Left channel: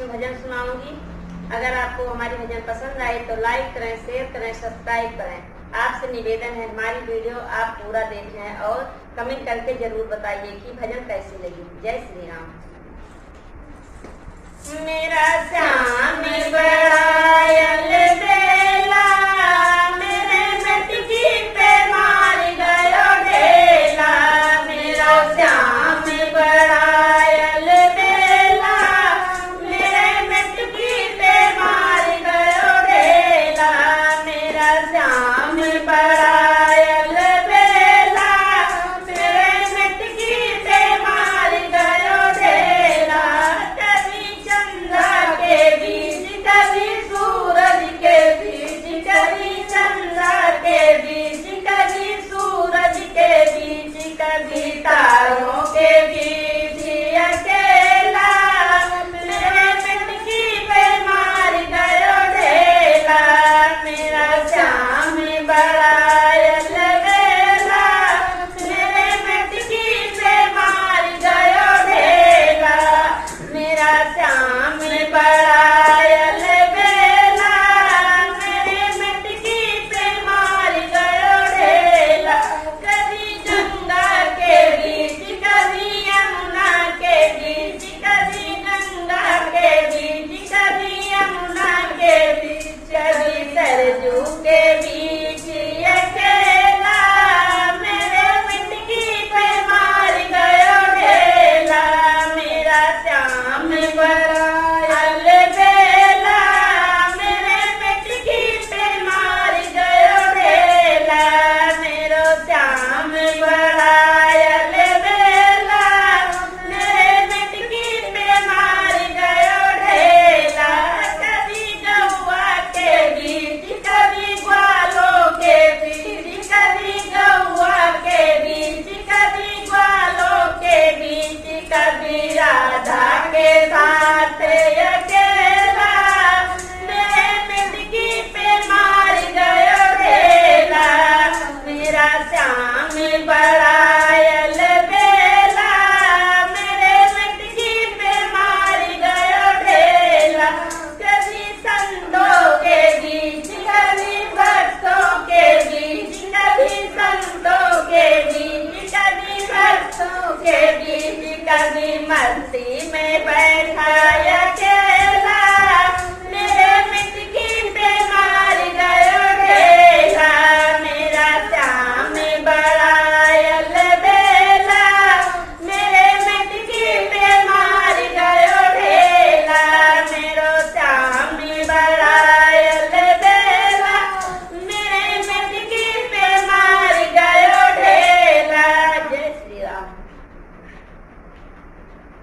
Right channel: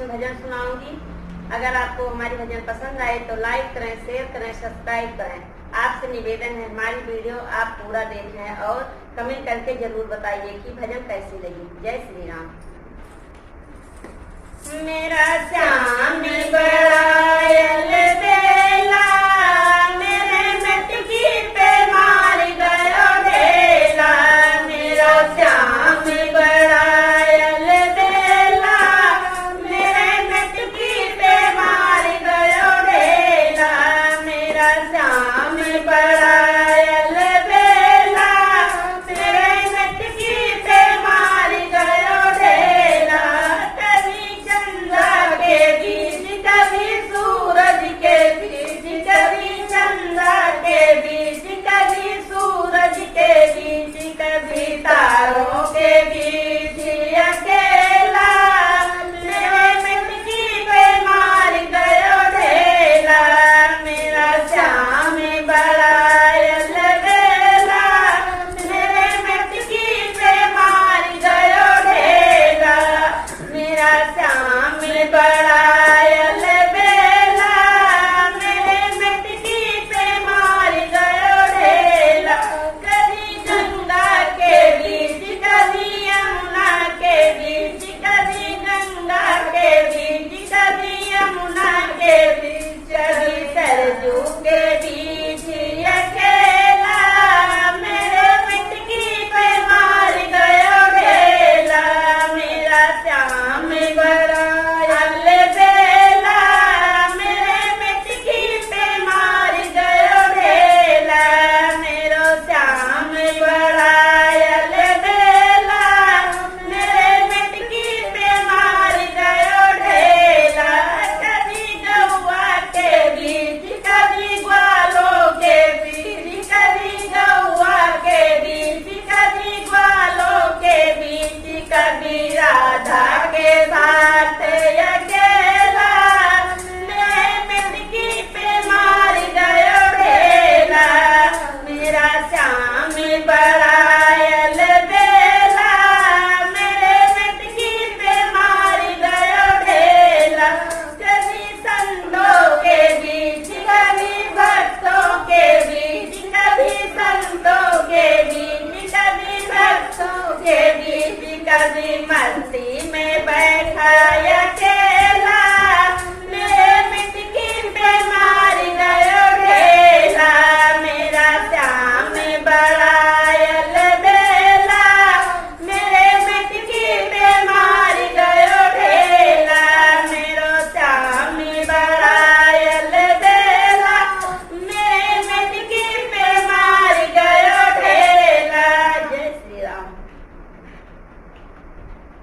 में भजन सुनाऊंगी। अगर आपको हमारी भजन पसंद आए तो लाइक करें, शेयर करें, सब्सक्राइब करें। आपसे निवेदन है हमारी वीडियो आप पूरा देखें और कमेंट करके जरूर बताइए कि भजन कैसी लगी। जय श्री राम। मेरा श्याम बड़ायल बेला, मेरे मटकी पे मार गयो ढेला। मेरा श्याम बड़ायल बेला, मेरे मटकी पे मार गयो ढेला। मेरा श्याम बड़ायल बेला, मेरे मटकी पे मार गयो ढेला। कभी चंदा के बीच, कभी सूरज के बीच, कभी चंदा के बीच, कभी सूरज के बीच, कभी तारों के बीच अकेला। मेरे मटकी पे मार गयो ढेला। मेरा श्याम बड़ायल बेला, मेरे मटकी पे मार गयो ढेला। मेरा श्याम बड़ायल बेला, मेरे मटकी पे मार गयो ढेला। कभी गंगा के बीच, कभी यमुना के बीच, कभी गंगा के बीच, कभी यमुना के बीच, कभी सरजू के बीच अकेला। मेरे मटकी पे मार गयो ढेला। मेरा श्याम बड़ायल बेला, मेरे मटकी पे मार गयो ढेला। मेरो श्याम बड़ायल बेला, मेरे मटकी पे मार गयो ढेला। कभी गौआ के बीच, कभी ग्वालों के बीच, कभी गौआ के बीच, कभी ग्वालों के बीच, कभी राधा के साथ अकेला। मेरे मटकी पे मार गयो ढेला। मेरा श्याम बड़ायल बेला, मेरे मटकी पे मार गयो ढेला। कभी संतों के बीच, कभी भक्तों के बीच, कभी संतों के बीच, कभी भक्तों के बीच, कभी मस्ती में बैठाया